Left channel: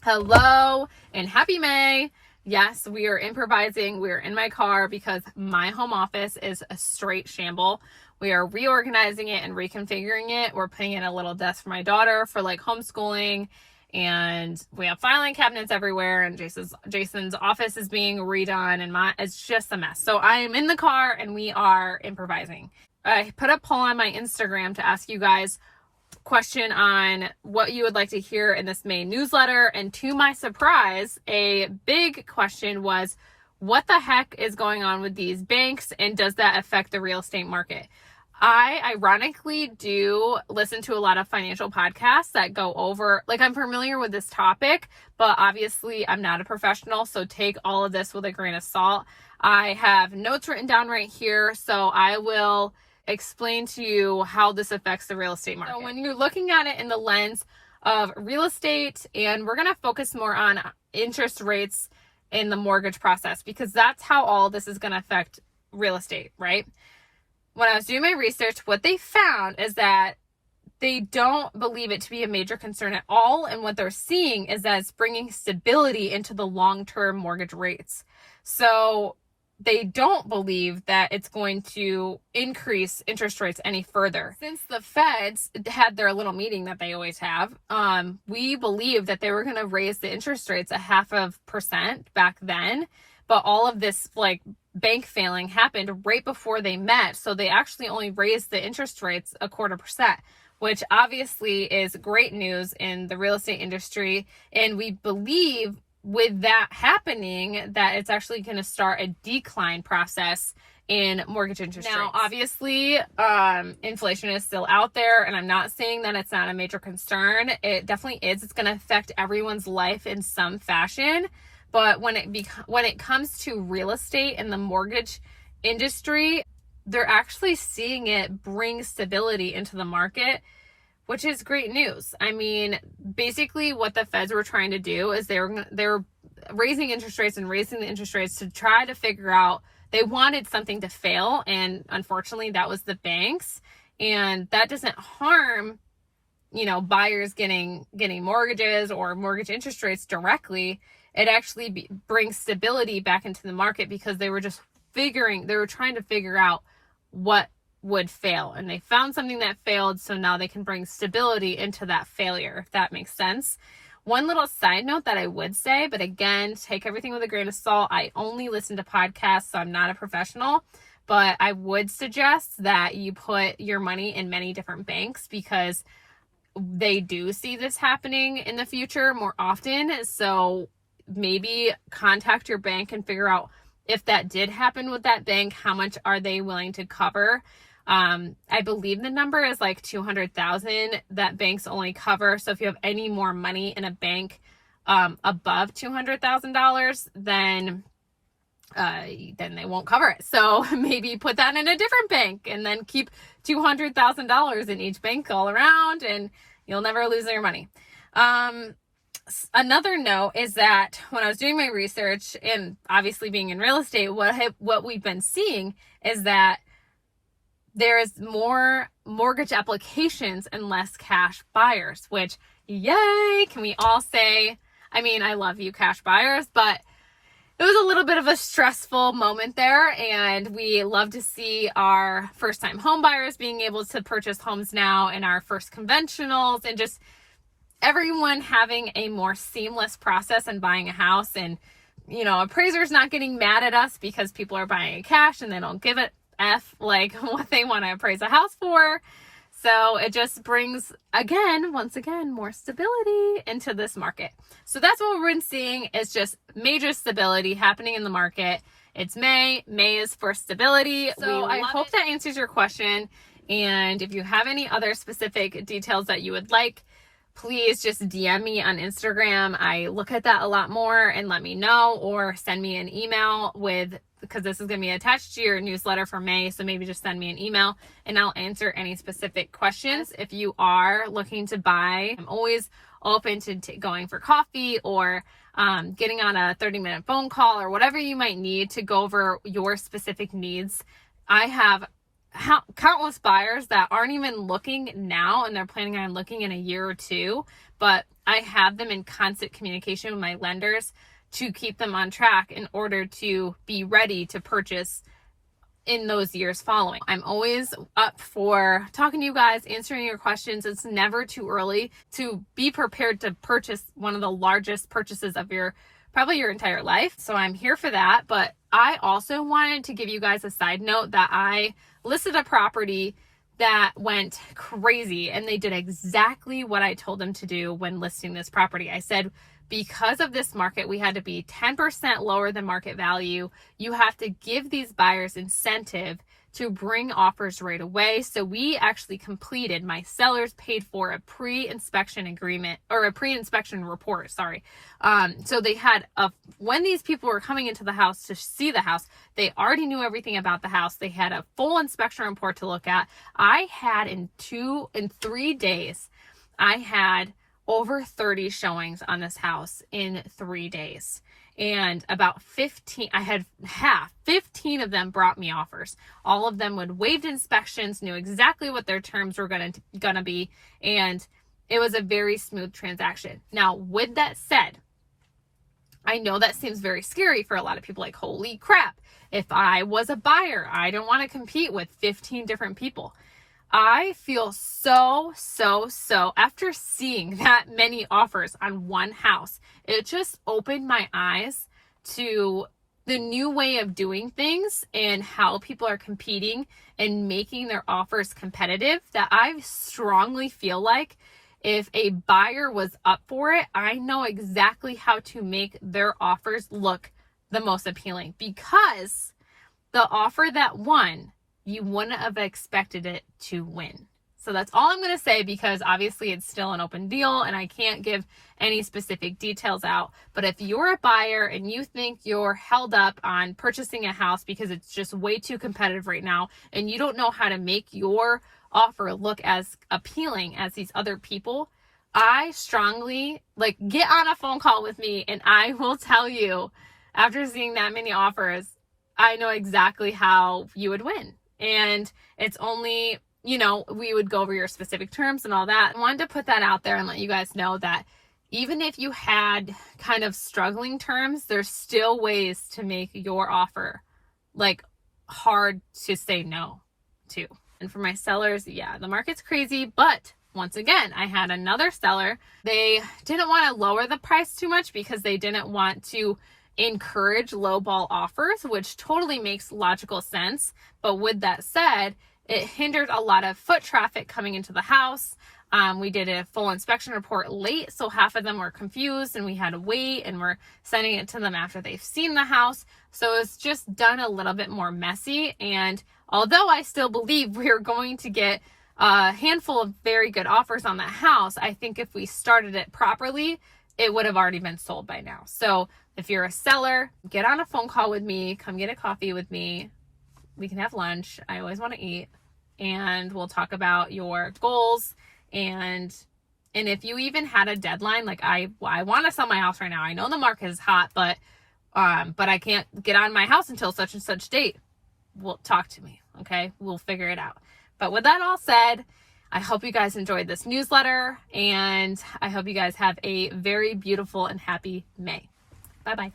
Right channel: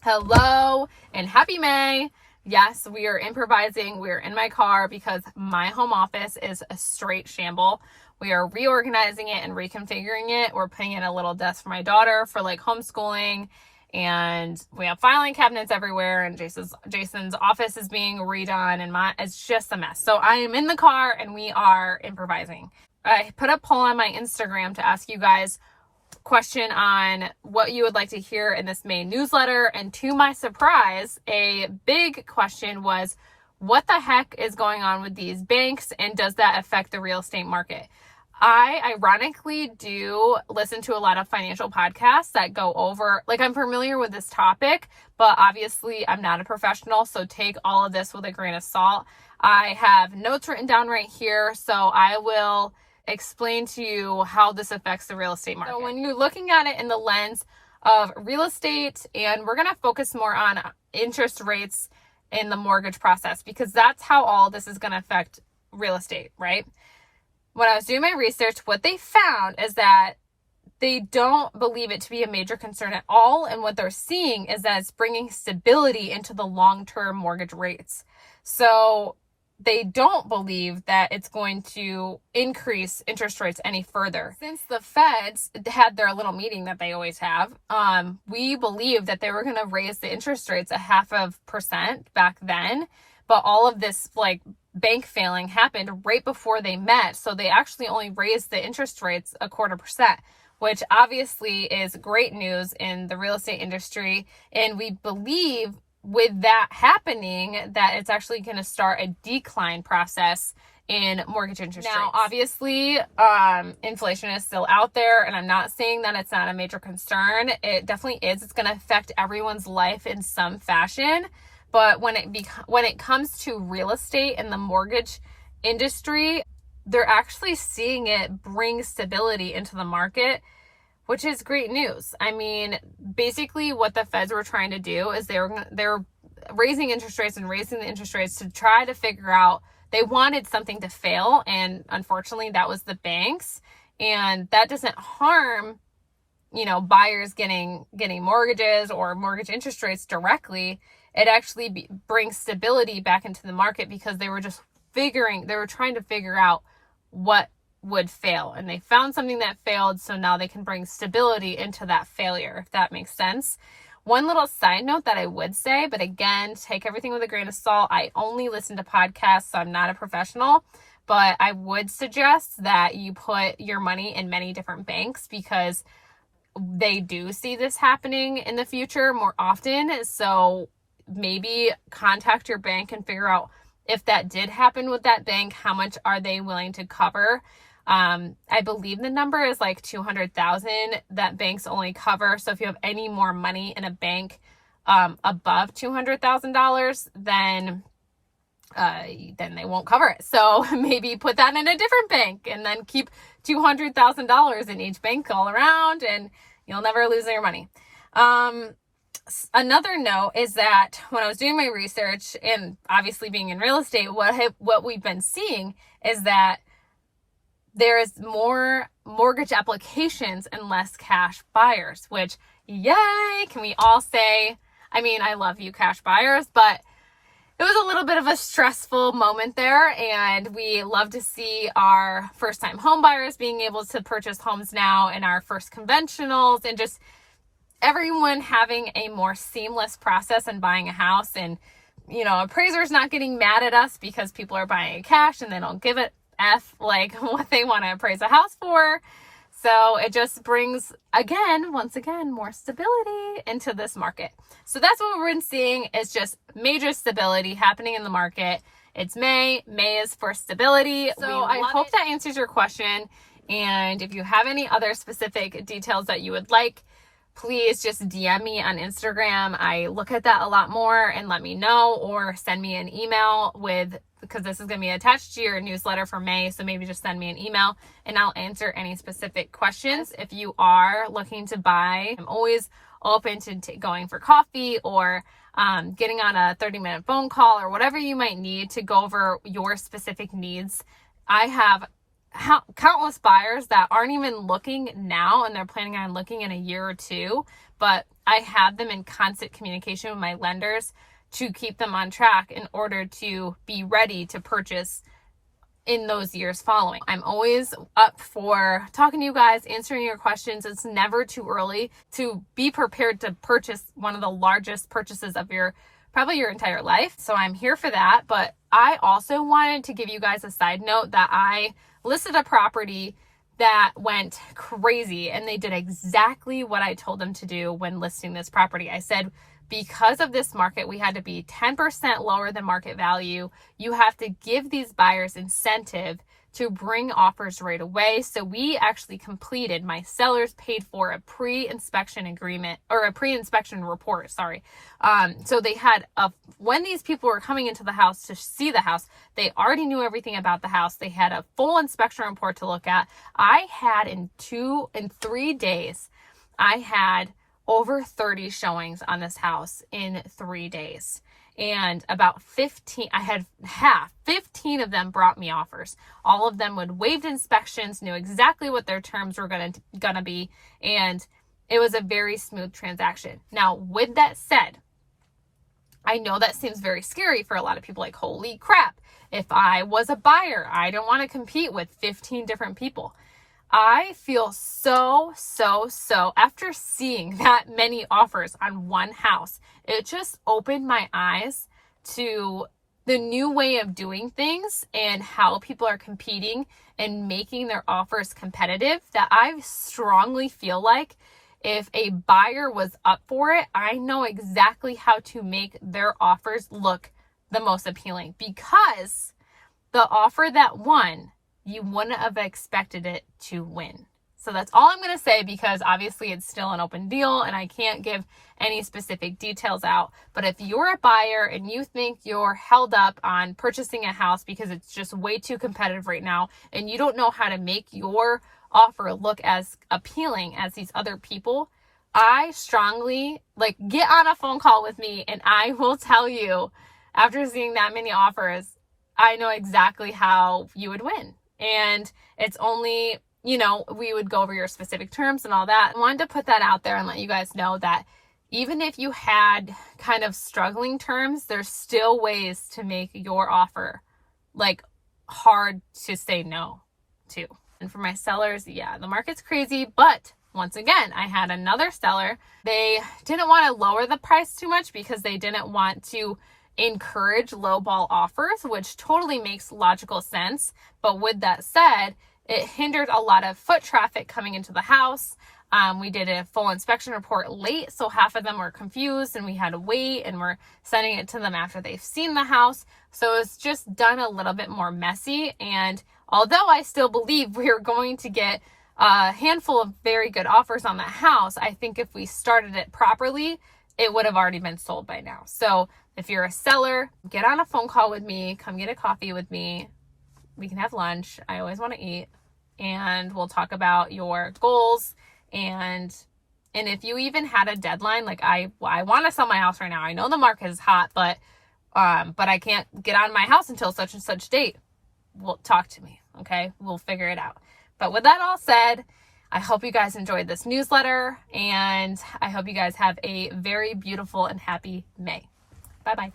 Hello and happy May. Yes, we are improvising. We are in my car because my home office is a straight shamble. We are reorganizing it and reconfiguring it. We're putting in a little desk for my daughter for like homeschooling, and we have filing cabinets everywhere, and Jason's office is being redone, and it's just a mess. So I am in the car and we are improvising. I put a poll on my Instagram to ask you guys question on what you would like to hear in this May newsletter, and to my surprise, a big question was, what the heck is going on with these banks, and does that affect the real estate market? I ironically do listen to a lot of financial podcasts that go over, like, I'm familiar with this topic, but obviously I'm not a professional, so take all of this with a grain of salt. I have notes written down right here, so I will explain to you how this affects the real estate market. So when you're looking at it in the lens of real estate, and we're going to focus more on interest rates in the mortgage process, because that's how all of this is going to affect real estate, right? When I was doing my research, what they found is that they don't believe it to be a major concern at all, and what they're seeing is that it's bringing stability into the long-term mortgage rates. So they don't believe that it's going to increase interest rates any further. Since the Feds had their little meeting that they always have, we believed that they were going to raise the interest rates 0.5% back then, but all of this like bank failing happened right before they met, so they actually only raised the interest rates 0.25%, which obviously is great news in the real estate industry, and we believe with that happening that it's actually going to start a decline process in mortgage interest rates. Now, obviously, inflation is still out there, and I'm not saying that it's not a major concern. It definitely is. It's going to affect everyone's life in some fashion. But when it comes to real estate and the mortgage industry, they're actually seeing it bring stability into the market, which is great news. I mean, basically what the Feds were trying to do is they're raising interest rates and raising the interest rates to try to figure out, they wanted something to fail, and unfortunately that was the banks, and that doesn't harm, buyers getting mortgages or mortgage interest rates directly. It actually brings stability back into the market, because they were trying to figure out what would fail, and they found something that failed, so now they can bring stability into that failure, if that makes sense. One little side note that I would say, but again, take everything with a grain of salt, I only listen to podcasts, so I'm not a professional, but I would suggest that you put your money in many different banks, because they do see this happening in the future more often. So maybe contact your bank and figure out, if that did happen with that bank, how much are they willing to cover. I believe the number is like $200,000 that banks only cover. So if you have any more money in a bank above $200,000, then they won't cover it. So maybe put that in a different bank, and then keep $200,000 in each bank all around, and you'll never lose your money. Another note is that when I was doing my research, and obviously being in real estate, what we've been seeing is that there is more mortgage applications and less cash buyers, which, yay, can we all say? I mean, I love you cash buyers, but it was a little bit of a stressful moment there, and we love to see our first-time home buyers being able to purchase homes now, and our first conventionals, and just everyone having a more seamless process in buying a house. And, appraisers not getting mad at us because people are buying it cash and they don't give it like what they want to appraise a house for. So it just brings, once again, more stability into this market. So that's what we've been seeing, is just major stability happening in the market. It's May. May is for stability. So I hope that answers your question. And if you have any other specific details that you would like, please just DM me on Instagram. I look at that a lot more, and let me know, or send me an email because this is going to be attached to your newsletter for May. So maybe just send me an email and I'll answer any specific questions. If you are looking to buy, I'm always open to going for coffee, or getting on a 30-minute phone call, or whatever you might need to go over your specific needs. I have countless buyers that aren't even looking now, and they're planning on looking in a year or two, but I have them in constant communication with my lenders to keep them on track in order to be ready to purchase in those years following. I'm always up for talking to you guys, answering your questions. It's never too early to be prepared to purchase one of the largest purchases of probably your entire life. So I'm here for that. But I also wanted to give you guys a side note that I listed a property that went crazy, and they did exactly what I told them to do when listing this property. I said, because of this market, we had to be 10% lower than market value. You have to give these buyers incentive to bring offers right away. So we actually completed, my sellers paid for a pre-inspection agreement, or a pre-inspection report, sorry. So they had, when these people were coming into the house to see the house, they already knew everything about the house. They had a full inspection report to look at. I had in 3 days, I had over 30 showings on this house in 3 days. And about 15 of them brought me offers. All of them would waived inspections, knew exactly what their terms were gonna be, and it was a very smooth transaction. Now, with that said, I know that seems very scary for a lot of people, like, holy crap, if I was a buyer, I don't want to compete with 15 different people. I feel so, after seeing that many offers on one house, it just opened my eyes to the new way of doing things and how people are competing and making their offers competitive, that I strongly feel like if a buyer was up for it, I know exactly how to make their offers look the most appealing, because the offer that won, you wouldn't have expected it to win. So that's all I'm going to say, because obviously it's still an open deal and I can't give any specific details out. But if you're a buyer and you think you're held up on purchasing a house because it's just way too competitive right now, and you don't know how to make your offer look as appealing as these other people, I strongly, get on a phone call with me and I will tell you, after seeing that many offers, I know exactly how you would win. And it's only, we would go over your specific terms and all that. I wanted to put that out there and let you guys know that even if you had kind of struggling terms, there's still ways to make your offer hard to say no to. And for my sellers, the market's crazy, but once again, I had another seller. They didn't want to lower the price too much because they didn't want to encourage lowball offers, which totally makes logical sense. But with that said, it hindered a lot of foot traffic coming into the house. We did a full inspection report late, so half of them were confused and we had to wait, and we're sending it to them after they've seen the house. So it's just done a little bit more messy. And although I still believe we're going to get a handful of very good offers on the house, I think if we started it properly, it would have already been sold by now. So if you're a seller, get on a phone call with me, come get a coffee with me. We can have lunch. I always want to eat. And we'll talk about your goals. And if you even had a deadline, I want to sell my house right now. I know the market is hot, but I can't get on my house until such and such date. Well, talk to me, okay? We'll figure it out. But with that all said, I hope you guys enjoyed this newsletter, and I hope you guys have a very beautiful and happy May. Bye-bye.